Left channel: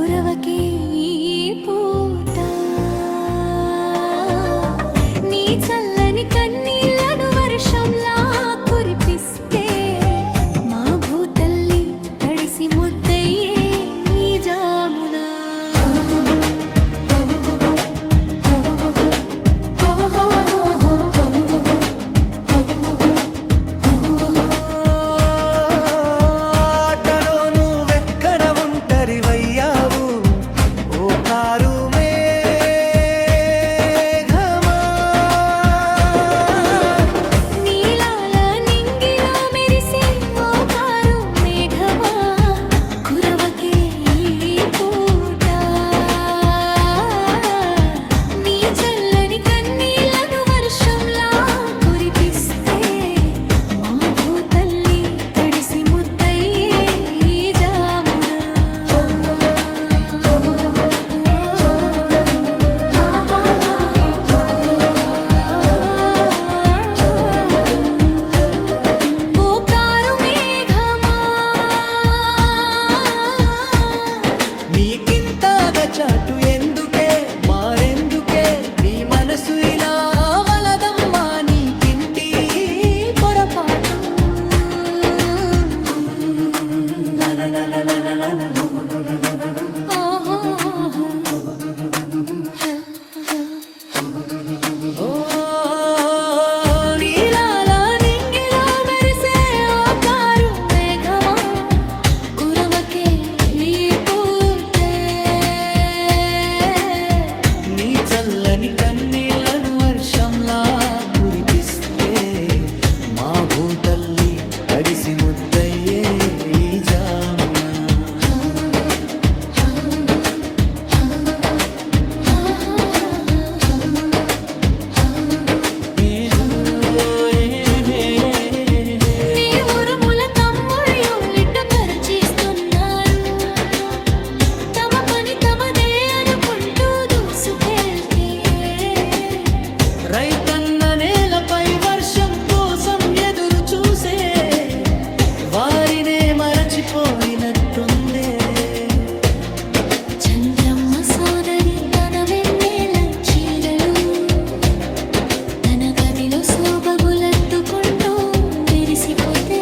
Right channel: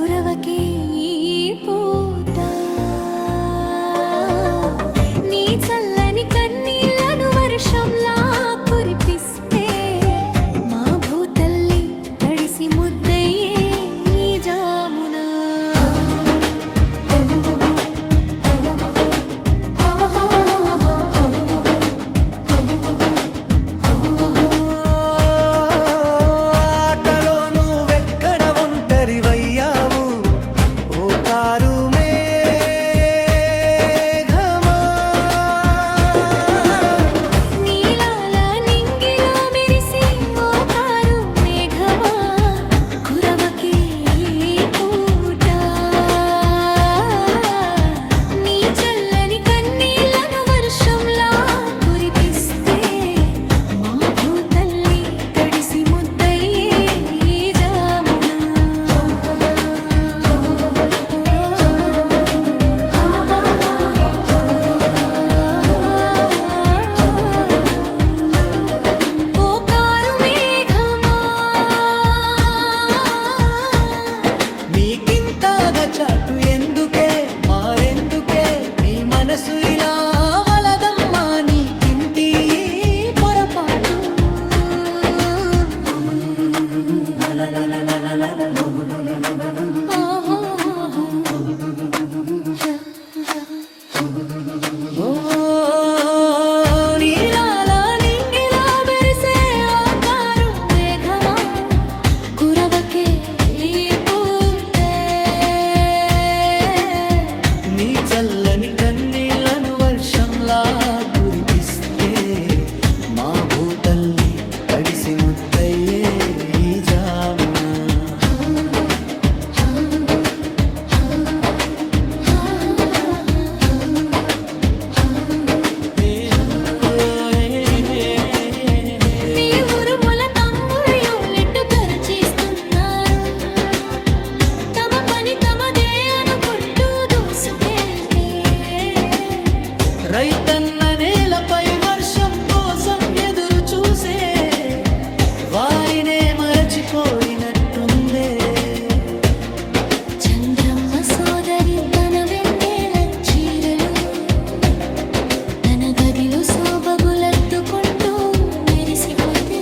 కురవకే ఈ పూట నీ చల్లని కన్నీళ్లను వర్షంలా కురిపిస్తే మా భూతల్లి తడిసి ముద్దయ్యే ఈ జామున ఆటలో నువ్వెక్కడ ఒంటరివయ్యావు ఓ కారు మేఘమా నీలాల నింగిలో మెరిసే ఓ కారు మేఘమా కురవకే ఈ పూట నీ చల్లని కన్నీళ్లను వర్షంలా కురిపిస్తే మా భూతల్లి తడిసి ముద్దయ్యే ఈ జామున ఓ కారు మేఘమా నీకింతగా చాటు ఎందుకే మారెందుకే నీ మనసు ఇలా వలదమ్మా నీకింటి పొరపాటు ఓ నీలాల నింగిలో మెరిసే ఓ కారు మేఘమా కురవకే ఈ పూటే నీ చల్లని కన్నీళ్లను వర్షంలా కురిపిస్తే మా భూతల్లి తడిసి ముద్దయ్యే ఈ జామున నీ ఉరుముల తమ్ముళ్ళు లిట్టు పరిచిస్తున్నారు తమ పని తమదే అనుకుంటూ దూసుకెళ్తే రైతన్న నేలపై వర్షం కోసం ఎదురు చూసే వారినే మరచిపోయినట్టుందే చంద్రమ్మ సోదరి తన వెన్నెల చీరలు తన గదిలో శోభగులెత్తుకుంటూ మెరిసిపోతే